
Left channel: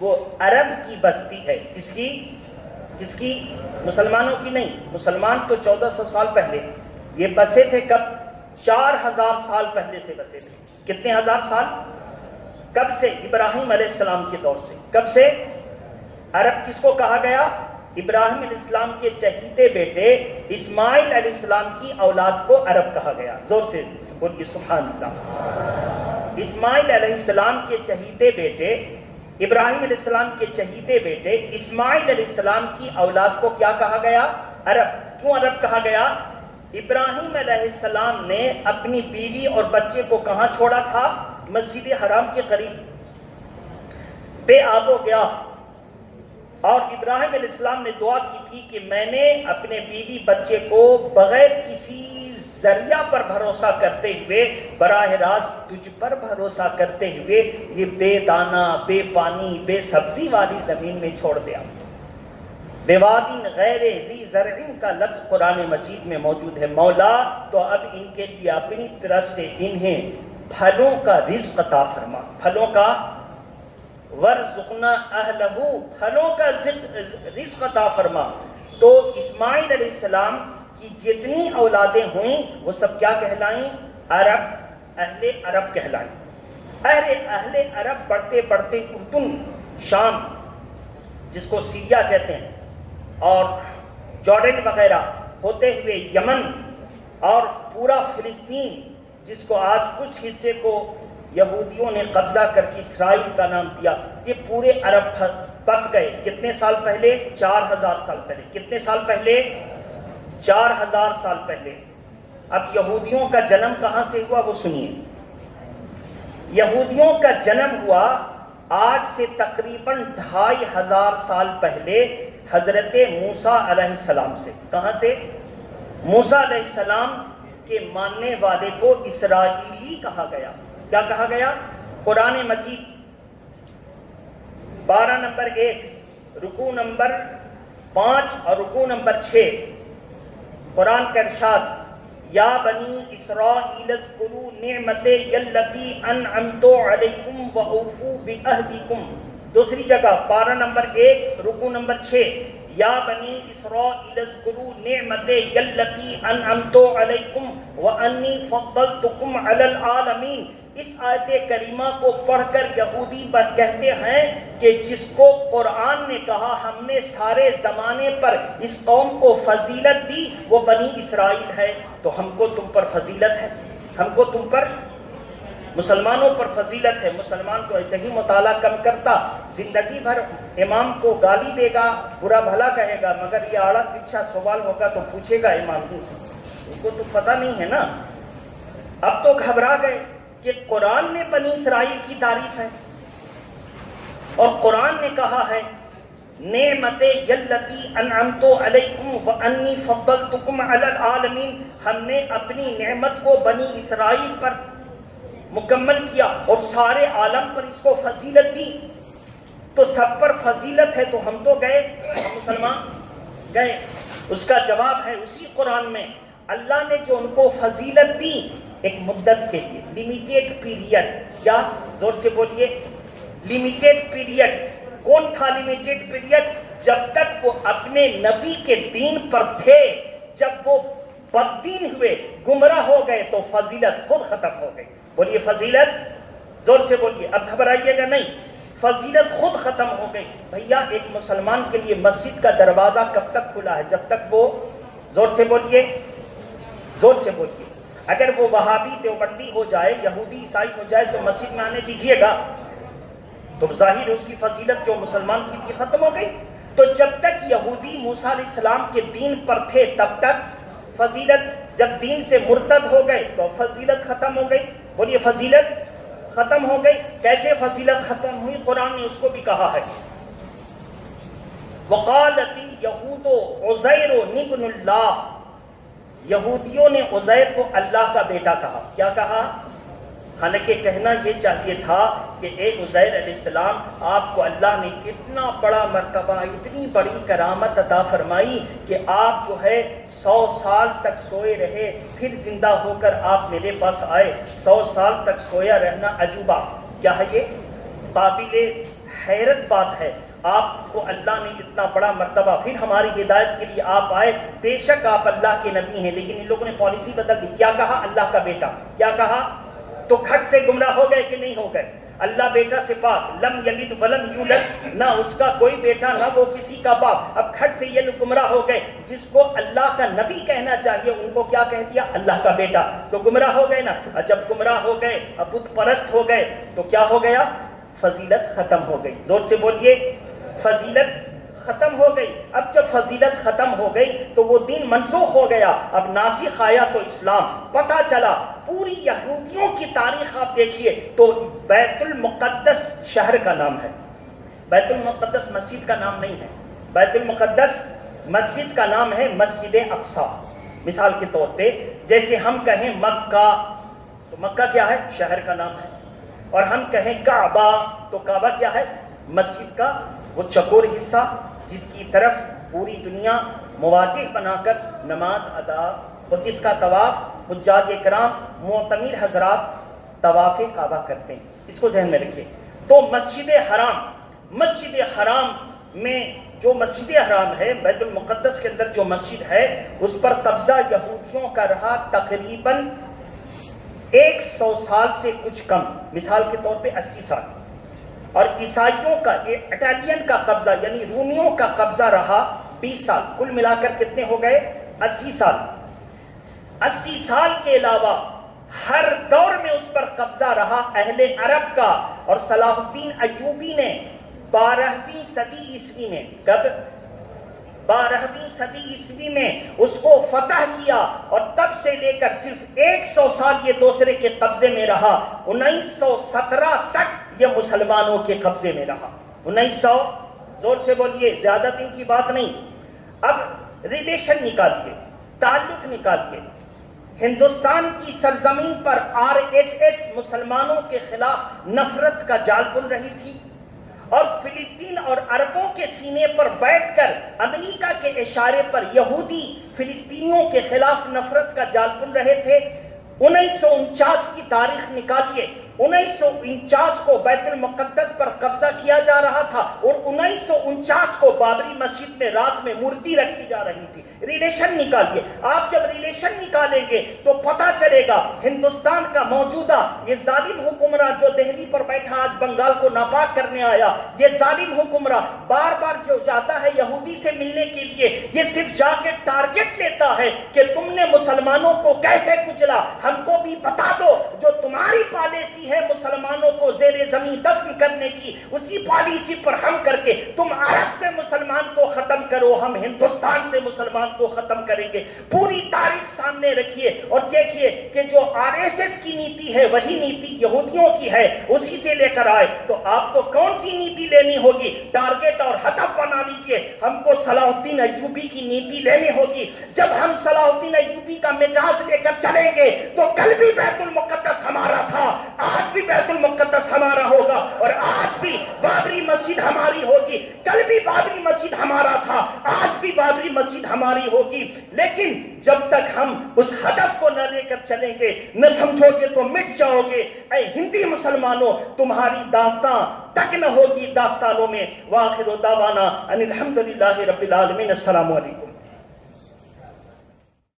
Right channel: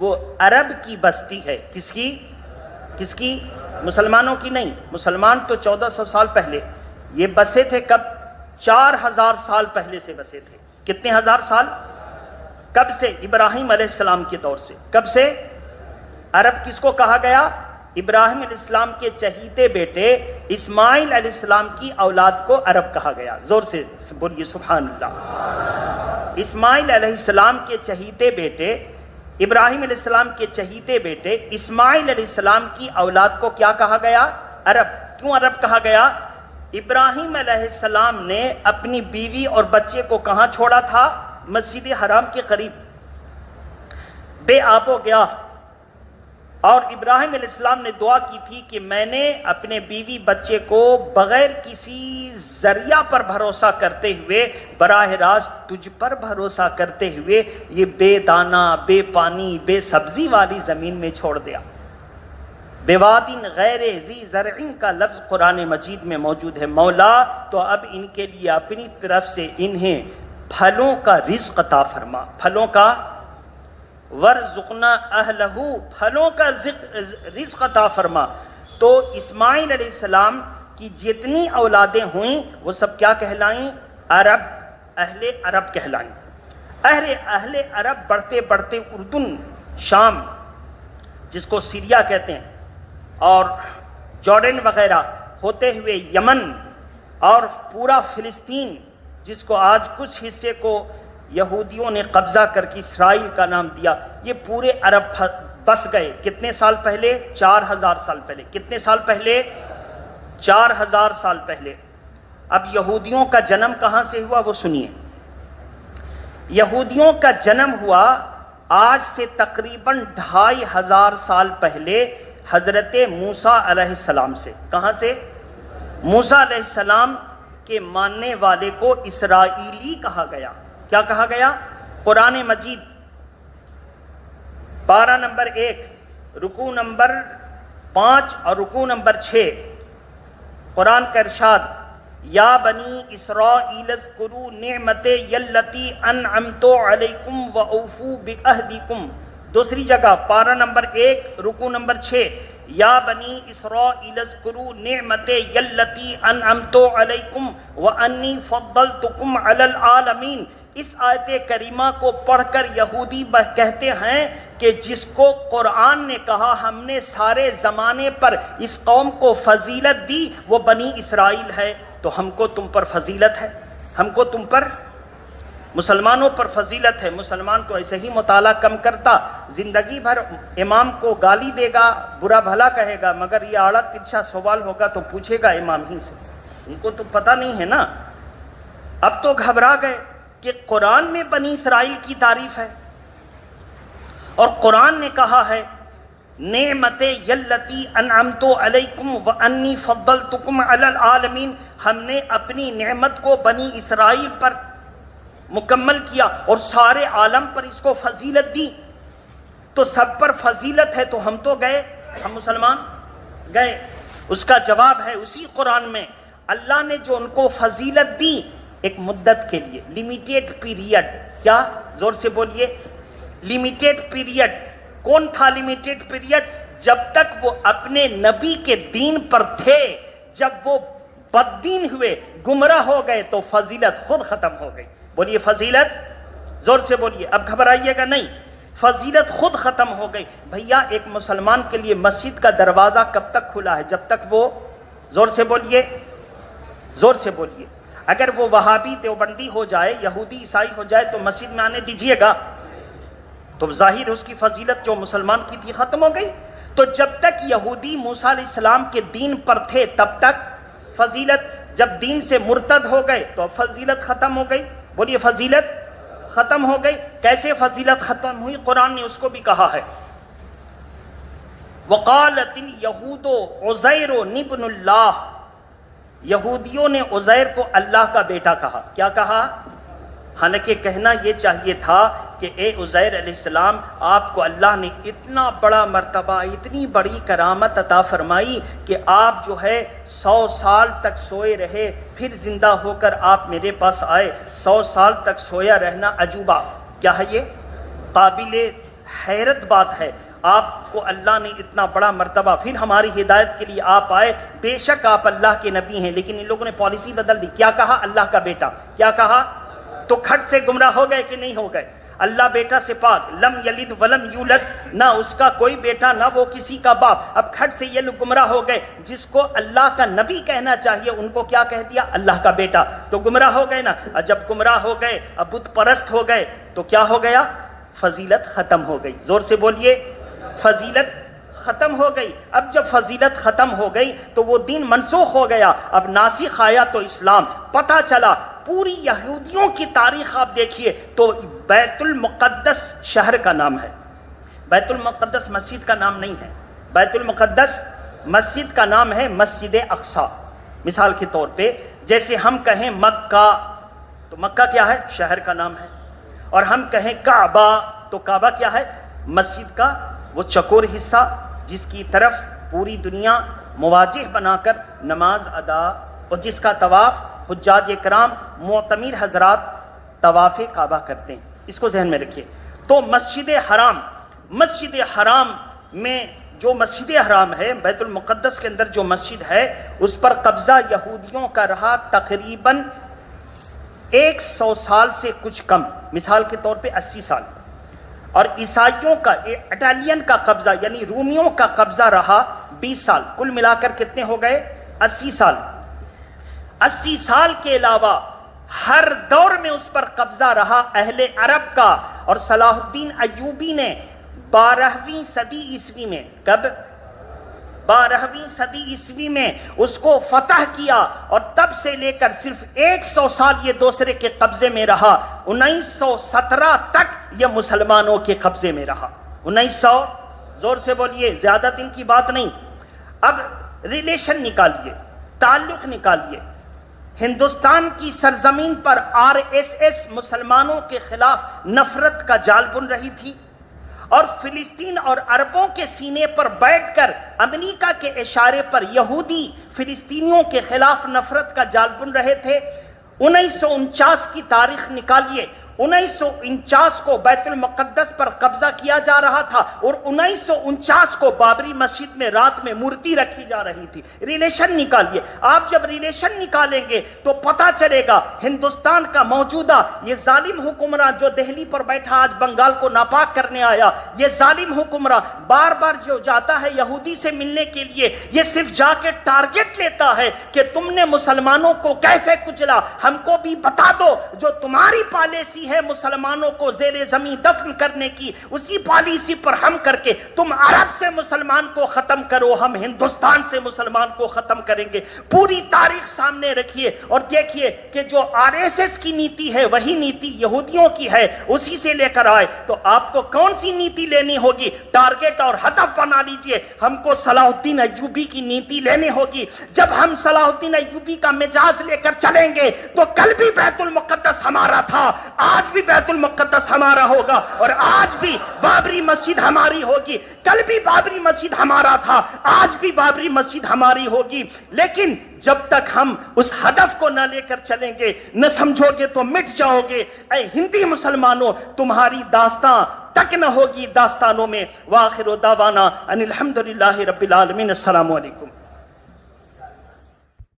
وہ عرب کی بستی ہے۔ کس کی؟ کس کی؟ مسلمانوں کی نہیں۔ مسلمان تو 1400 سال پہلے، یہ بسے تھے کب؟ 4000 سال پہلے سے بسے تھے۔ کتنے ہزار سال؟ کب سے؟ ابراہیم علیہ السلام کے دور سے۔ کب سے؟ عرب کس کو کہا گیا؟ ابراہیم علیہ السلام کے چہیتے بیٹے اسماعیل علیہ السلام کی اولاد کو عرب کہا گیا۔ زور سے بولیے سبحان اللہ۔ اسماعیل علیہ السلام کے چہیتے بیٹے، ابراہیم علیہ السلام کے چہیتے بیٹے اسماعیل علیہ السلام کی اولاد کو کیا کہا گیا؟ عرب۔ کیوں عرب کہا گیا؟ ابراہیم علیہ السلام نے اپنی بیوی اور بچے کو کہاں چھوڑا تھا؟ مسجد حرام کے قریب، بے آب و گیا۔ اور ابراہیم علیہ السلام نے دعا کی تھی کہ میں نے اپنے بیوی بچے کو بغیر کسی ذریعہ پر بھروسہ کرتے ہوئے، براہ راست تجھ پر بھروسہ کرتے ہوئے یہ بے دانہ، بے پانی، بے سبزی والی زمین میں چھوڑ دیا۔ بے وادٍ غیر ذی زرع کا لفظ قرآن مجید میں موجود ہے۔ مولا تو اب ان کے لیے اپنی طرف سے انہیں پھلوں کا رزق عطا فرما، پھلوں کا ورزقنا اہلہ، پھلوں کا رزق عطا فرما۔ تو اسماعیل علیہ السلام کی جتنی اولادیں ہوئیں وہ سب کیا کہلائیں؟ عرب، اہل عرب کہلائیں۔ اہل عرب بڑھتے بڑھتے اردن، شام جس کو سیریا کہتے ہیں، اور جارڈن وغیرہ ہوتے ہوئے یمن، اور پورا فلسطین جس کو آج کچھ حصے کو یہودیوں نے قبضہ کر کے اسرائیل کا نام دیا. یہ پورے عرب بس گئے. کتنے سال پہلے؟ 4000 سال پہلے. کتنے سال پہلے؟ 4000 سال پہلے. اب یہودیوں کا جنم کہاں سے ہوا وہ سنیے. یہودیوں کا جنم ہوا آج سے تقریباً 2500 سال پہلے حضرت موسیٰ علیہ السلام سے. کہاں سے؟ موسیٰ علیہ السلام کے ماننے والے کو اسرائیلی کہا گیا. کیا کہا گیا؟ قرآن مجید 12 نمبر 1 رکوع نمبر 5 اور رکوع نمبر 6 قرآن کا ارشاد یا بنی اسرائیل اذکروا نعمتی التی انعمت علیکم واوفوا بعہدکم. دوسری جگہ 12 نمبر 1 رکوع نمبر 6 یا بنی اسرائیل اذکروا نعمتی التی انعمت علیکم وانی فضلتکم علی العالمین. اس آیت کریمہ کو پڑھ کر یہودی کہتے ہیں کہ جس کو قرآن نے کہا ہم نے سارے زمانے پر اس قوم کو فضیلت دی وہ بنی اسرائیل ہے، تو ہم کو تم پر فضیلت ہے، ہم کو تم پر مسلمانوں پر فضیلت ہے. مسلمان تو ایسے ہی مطالعہ کم کرتا، زندگی بھر امام کو گالی دے گا، برا بھلا کہے گا، مگر یہ آڑا ترچھا سوال ہوگا تو پوچھے گا امام ہی سے. ان کو تو پتہ نہیں ہے نا. اب تو گھبرا گئے کہ قرآن میں بنی اسرائیل کی تعریف ہے اور قرآن نے کہا ہے نعمت یلتی انعمت علیکم وانی فضلتکم علی العالمین. ہم نے اپنی نعمت کو بنی اسرائیل پر مکمل کیا اور سارے عالم پر اس کو فضیلت دی. تو سب پر فضیلت ہے تو ہم تو گئے، ہم مسلمان گئے. اس کا جواب ہے اسی قرآن میں اللہ نے جو ان کو فضیلت دی ایک مدت کے لیے، لمیٹیڈ پیریڈ. کیا؟ زور سے بولیے. Limited period. کون تھا لمیٹیڈ پیریڈ؟ جب تک وہ اپنے نبی کے دین پر تھے. جب وہ بددین ہوئے، گمراہ ہو گئے تو فضیلت خود ختم ہو گئی. بولیے فضیلت، زور سے بولیے، اب گھبرائیے گا نہیں. فضیلت خود ختم ہو گئی. بھیا ایک مسلمان کے لیے مسجد کا دروازہ کب تک کھلا ہے؟ جب تک وہ، زور سے بولیے، زور سے بولیے، اگر وہ وہابی دیوبندی ہو جائے، یہودی عیسائی ہو جائے تو مسجد میں آنے دیجئے گا؟ تو ظاہر اس کی فضیلت جو مسلمان کی تھی ختم ہو گئی. تو جب تک یہودی موسیٰ علیہ السلام کے دین پر تھے تب تک فضیلت. جب دین سے مرتد ہو گئے تو فضیلت ختم ہو گئی. بولیے فضیلت ختم ہو گئی. کیسے فضیلت ختم ہوئی؟ قرآن نے اس کو بھی کہا ہے وقالت الیہود عزیر ابن اللہ. یہودیوں نے عزیر کو اللہ کا بیٹا کہا. کیا کہا؟ حالانکہ کہنا یہ چاہیے تھا کہ اے عزیر علیہ السلام، آپ کو اللہ نے اتنا بڑا مرتبہ، اتنی بڑی کرامت عطا فرمائی کہ آپ جو ہے 100 سال تک سوئے رہے، پھر زندہ ہو کر آپ میرے پاس آئے. 100 سال تک سویا رہنا عجوبہ کیا ہے؟ یہ قابل حیرت بات ہے. آپ کو اللہ نے اتنا بڑا مرتبہ، پھر ہماری ہدایت کے لیے آپ آئے. بے شک آپ اللہ کے نبی ہیں، لیکن ان لوگوں نے پالیسی بدل دی. کیا کہا؟ اللہ کا بیٹا. کیا کہا؟ تو کھٹ سے گمراہ ہو گئے کہ نہیں ہو گئے؟ اللہ بیٹا سے پاک، لم یلد ولم یولد، نہ اس کا کوئی بیٹا نہ وہ کسی کا باپ. اب کھٹ سے یہ لوگ گمراہ ہو گئے. جس کو اللہ کا نبی کہنا چاہیے ان کو کیا کہہ دیا؟ اللہ کا بیٹا. تو گمراہ ہو گئے نا. جب گمراہ ہو گئے، اب بت پرست ہو گئے تو کیا ہو گیا؟ فضیلت ختم ہو گئی. زور سے بولیے، فضیلت ختم ہو گئی. اب جب فضیلت ختم ہو گئی تو وہ دین منسوخ ہو گیا. اب ناسخ آیا تو اسلام. پتہ چلا پوری یہودیوں کی تاریخ آپ دیکھیے تو بیت المقدس شہر کا نام ہے، بیت المقدس مسجد کا نام نہیں ہے. بیت المقدس مسجد کا نام ہے مسجد اقصی. مثال کے طور پہ جیسے ہم کہیں مکہ تو مکہ کیا ہے؟ شہر کا نام ہے. اور ہم کہیں کعبہ تو کعبہ کیا ہے؟ مسجد کا وہ چکور حصہ جس کی طرف پوری دنیا مواجہ بنا کر نماز ادا، اور جس کا طواف حجاج اکرام معتمر حضرات طواف کعبہ کرتے ہیں. اس کو ذہن میں رکھیے. تو مسجد حرام میں جو مسجد حرام ہے، بیت المقدس کے اندر جو مسجد ہے، اس پر قبضہ یہودیوں کا رہا تقریباً 100 سال سے کچھ کم. مثال کے طور پہ 80 سال. اور عیسائیوں کا، اٹالین کا قبضہ یعنی رومیوں کا قبضہ رہا 20 سال. کل ملا کر کتنے ہو گئے؟ 80 سال. 80 سال کے علاوہ ہر دور میں اس پر قبضہ رہا اہل عرب کا، اور صلاح الدین ایوبی نے 12ویں صدی عیسوی میں، کب؟ 12ویں صدی عیسوی میں اس کو فتح کیا، اور تب سے لے کر صرف 100 سال یہ دوسرے کے قبضے میں رہا۔ 1917 تک یہ مسلمانوں کے قبضے میں رہا۔ 1900، زور سے بولیے، زیادہ دن کی بات نہیں۔ اب ریلیشن نکالیے، تعلق نکالیے۔ ہندوستان کی سرزمین پر RSS مسلمانوں کے خلاف نفرت کا جال بن رہی تھی، اور فلسطین اور عربوں کے سینے پر بیٹھ کر امریکہ کے اشارے پر یہودی فلسطینیوں کے خلاف نفرت کا جال بن رہے تھے۔ 1949 کی تاریخ نکالیے، 1949 کو بیت المقدس پر قبضہ کیا جا رہا تھا، اور 1949 کو بابری مسجد میں رات میں مورتی رکھی جا رہی تھی۔ ریلیشن نکالیے۔ آپ جب ریلیشن نکالیں گے تو پتہ چلے گا ہندوستان کا موجودہ یہ ظالم حکمراں جو دہلی پر بیٹھا آج بنگال کو ناپاک کرنے آیا، یہ ظالم حکمراں بار بار جو جاتا ہے یہودی سے ملنے کے لیے، یہ صرف جا کے ٹارگٹ لیتا ہے کہ تم نے مسلمانوں کو کیسے کچلا، ہم کو بھی بتا دو۔ جو تمہاری پالیسی ہے مسلمانوں کو زیر زمین دفن کرنے کی، اسی پالیسی پر ہم کر کے تم عرب سے مسلمان کو ختم کرو، ہم ہندوستان سے مسلمان کو ختم کریں گے۔ پوری تاریخ سامنے رکھیے اور دیکھیے کہ جو RSS کی نیتی ہے وہی نیتی یہودیوں کی ہے، اسی سے لے کر آئے۔ تو آپ کو کون سی نیتی لینی ہوگی؟ ٹارگٹ اور ہدف بنا لیجئے۔ ہم کو صلاح الدین ایوبی کی نیتی لینی ہوگی۔ جب ہم صلاح الدین ایوبی کا مزاج لے کر چلیں گے تو کل بھی بیت المقدس ہمارا تھا، آج بھی بیت المقدس ہمارا ہوگا، اور آج بھی بابری مسجد ہماری ہوگی۔ کل بھی بابری مسجد ہمارا تھا، آج بھی بابری مسجد ہماری ہوگی۔ لیکن جب تک ہم اس ہدف کو نہ لے کر چلیں گے، نہ سمجھو گے تو مٹ جاؤ گے۔ اے ہندی مسلمانوں، تمہاری داستان تک نہ ہوگی داستانوں میں۔ وآخر دعوانا ان الحمدللہ رب العالمین۔ السلام علیکم۔